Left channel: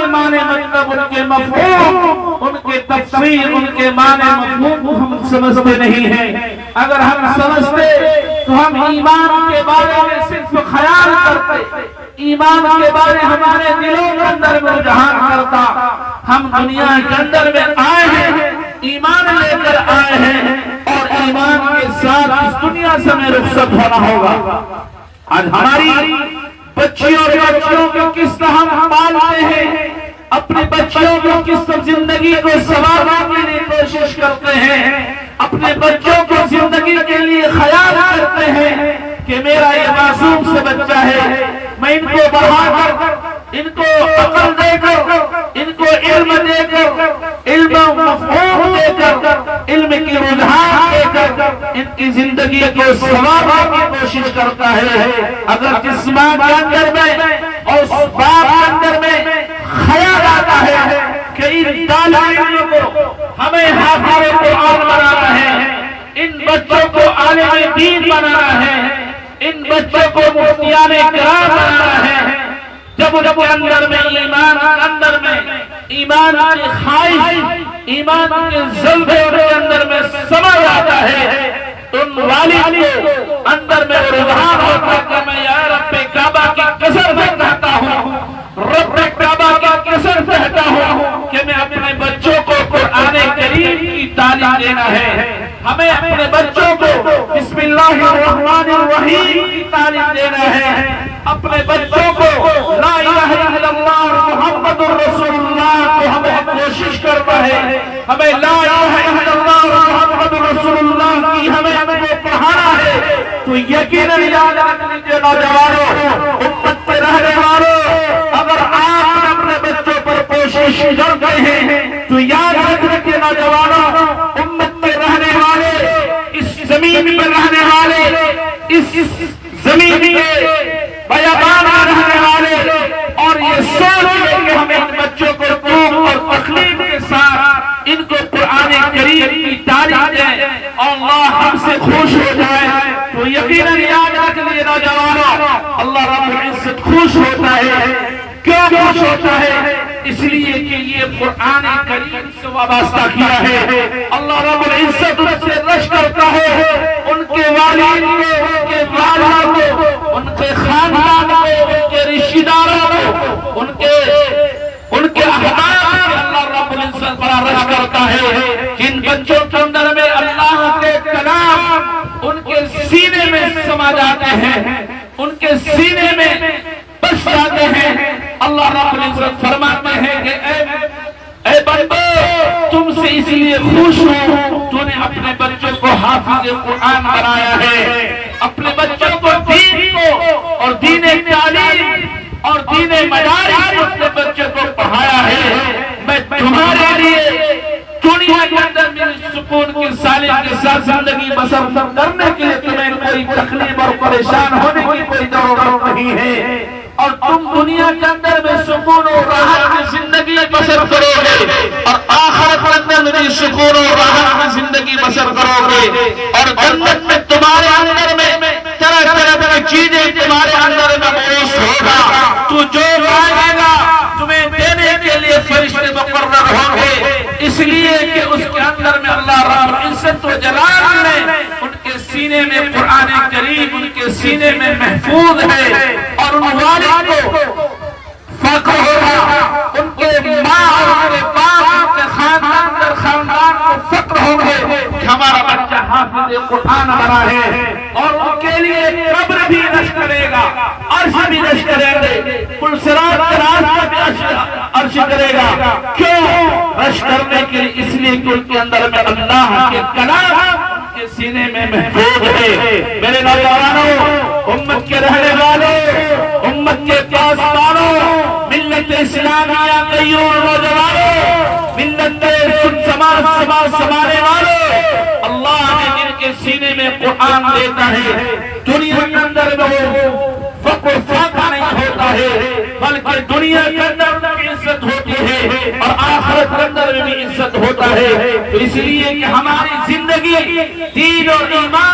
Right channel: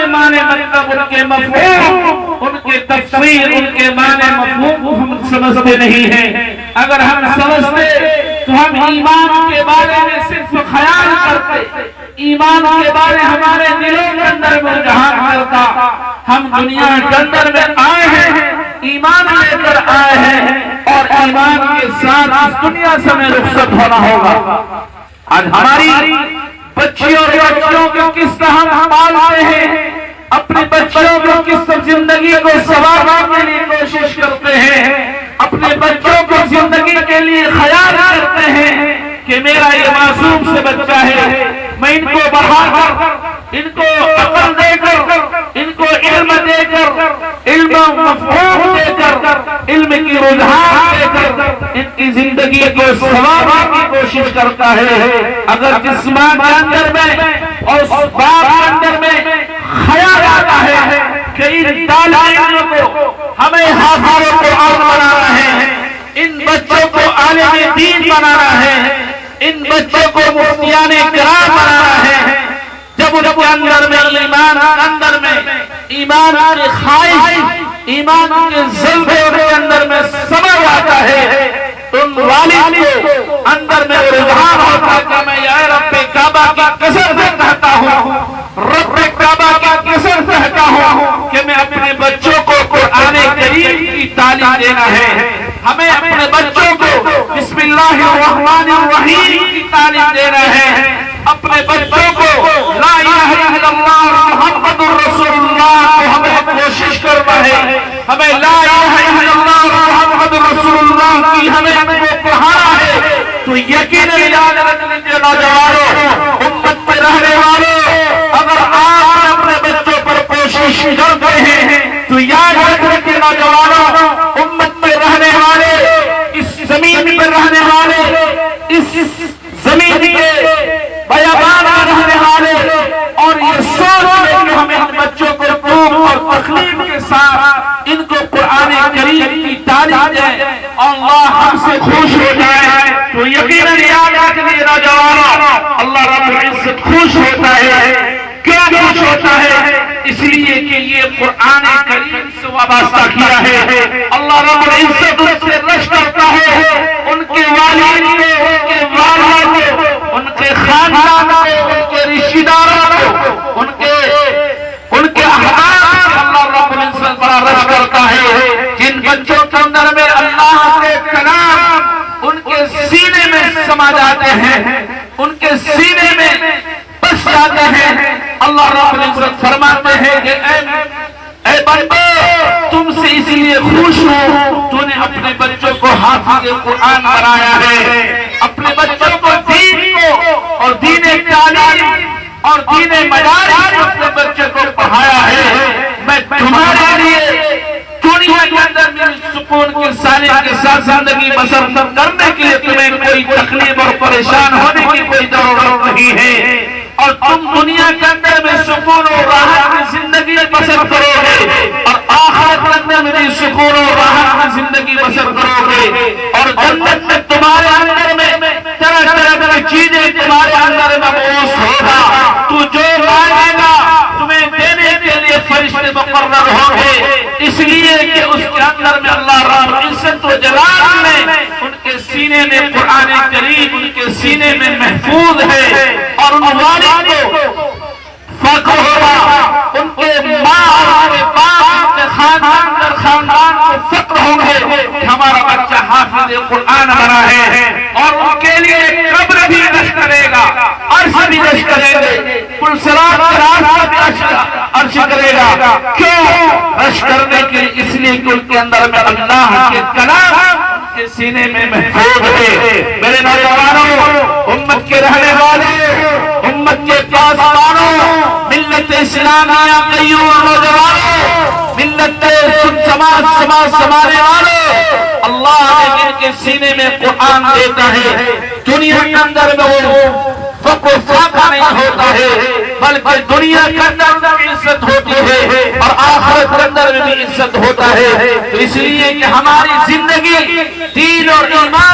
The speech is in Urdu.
کے معنی مطلب، ان کے مفہوم، ان کے تفسیر، ان کے معنی مفہوم کو ہم سمجھتے نہیں ہیں۔ اگر ہم سمجھتے تو ہم ایمان کے بارے میں صرف خیال کرتے، ایمان کے بارے ہمارے دلوں کے اندر رجحان کرتا۔ ہم دنیا کے اندر میں آئے ہیں، ایمان لے کر آئے ہیں، اور ایمان کے ساتھ اس دنیا سے ہمیں رخصت ہونا ہوگا۔ آج ہماری بچیوں اور بچوں کو کس طرح ہم پالتے ہیں، اپنے بچوں کو کس طرح زندگی کو سنوارنے کے لیے کوشش کرتے ہیں، اپنے بچوں کو زندگی کے لیے خیال کرتے ہیں کہ میرا یہ معصوم سے بچہ ہے، میں ان کو بڑھا کر، ان کو عقل دے کر، ان کو علم دے کر، علم مفہوم دے کر، علم کی رجحان دے کر ان کی زندگی کو سنوارنے کی کوشش کرتا ہے۔ اگر جس ماں کے اندر میں اور اس باپ کے اندر میں خیال آتا ہے کہ ان طالب علم کو ہمیں حافظ قرآن بنانا ہے، ان بچوں کو عالم دین بنانا ہے، ان بچوں کو مفتیان کرام بنانا ہے، جب ان کے اندر میں ایمان کی خواہش، ایمان کے جذبے ان کے اندر میں سمجھ آتا ہے، ان والد کو اندر میں رجحان ہوتا ہے کہ میں یا رب کعبہ کی قسم سے کہتا ہوں، رب کعبہ کی قسم سے کہتا ہوں کہ میں اپنے بچوں کو قرآن کریم کی تعلیم دینا ہے، ہمیں اپنے بچوں کو بسم اللہ الرحمن الرحیم کی تعلیم دینا ہے، اپنے بچوں کو لا الہ الا اللہ محمد الرسول اللہ کو ہمیں کوشش کرنا ہے، ہمیں لا الہ الا اللہ محمد الرسول اللہ کی ہمیں کو پڑھانا ہے۔ تو یقیناً یاد رکھ لیجیے نوجوانوں، امت میں رہنے والوں، اگر آپ اپنے بچوں پر کوشش کرتے ہیں تو یاد رکھ لیجیے نوجوانوں، امت میں رہنے والے، اس زمین پر رہنے والے، اس زمین کے بیابان میں رہنے والے، اور یہ سوچ لیں کہ ہمیں ان بچوں کو خوب اور تکلیف کے ساتھ ان کو قرآن کریم کی تعلیم دیں، اللہ ہم سے خوش ہو جائے۔ تو یقیناً یاد رکھ لیجیے نوجوانوں، اللہ رب العزت خوش ہوتا ہے۔ کیوں خوش ہوتا ہے؟ اس لیے کہ یہ قرآن کریم سے وابستہ کیا ہے، اللہ رب العزت ان سے رش کرتا ہے، ان کے والد کو، ان کے والد کو، ان کے خاندان کو، ان کے رشتہ داروں کو، ان کے احباب کو اللہ رب العزت بڑا رش کرتا ہے۔ جن بچوں کے اندر میں اللہ کے کلام ان کے سینے میں سما جاتے ہیں، ان کے سینے میں بس جاتے ہیں، اللہ رب العزت فرماتے ہیں کہ اے بندو تم سے اس لیے خوش ہوں، تو نے اپنے بچوں کو حافظ قرآن بنایا ہے، اپنے بچوں کو دین کو اور دین تعلیم اور دین مدارس کو اپنے بچوں کو پڑھایا ہے۔ میں تمہارے لیے دنیا کے اندر میری سکون کی سالم کے ساتھ زندگی بسر کرنے کے لیے تمہیں کوئی تکلیف اور پریشان ہونے کی کوئی ضرورت نہیں ہے، اور تم دنیا کے اندر میں سکون اور راحت کی زندگی بسر کرو گے، اور آخرت کے اندر میں بھی سکون اور راحت کی زندگی بسر کرو گے، اور جنت میں تمہارے اندر میں طرح طرح کی چیزیں تمہارے اندر میں موجود ہوگا، تو جو مانگے گا تمہیں دینے کے لیے فرشتے مقرر ہوں گے، اس لیے کہ اس کے اندر میں اللہ رب العزت و جلال نے ان کے سینے میں قرآن کریم ان کے سینے میں محفوظ ہے، اور ان والد کو فخر ہوگا، ان کے ماں اور باپ، ان کے خاندان کو فخر ہوگا کہ ہمارا بچہ حافظ قرآن بنا ہے، اور ان کے لیے قبر بھی رش کرے گا، عرش بھی رش کرے گا، پلسرات کا راستہ عرش کرے گا۔ کیوں رش کرنے کے لیے؟ اس لیے کہ ان کے اندر میں اللہ کے کلام کے سینے میں محفوظ ہے۔ میرے نوجوانوں، امت کے رہنے والے، امت کے پاسبانوں، ملت اسلامیہ قیوم نوجوانوں، ملت سماج سنبھالنے والوں، اللہ نے جن کے سینے میں قرآن دیتا ہے، دنیا کے اندر میں وہ فقر و فاقہ نہیں ہوتا ہے، بلکہ دنیا کے اندر بھی عزت ہوتی ہے اور آخرت کے اندر بھی عزت ہوتا ہے۔ تو اس لیے کہ ہماری زندگی دین اور ایمان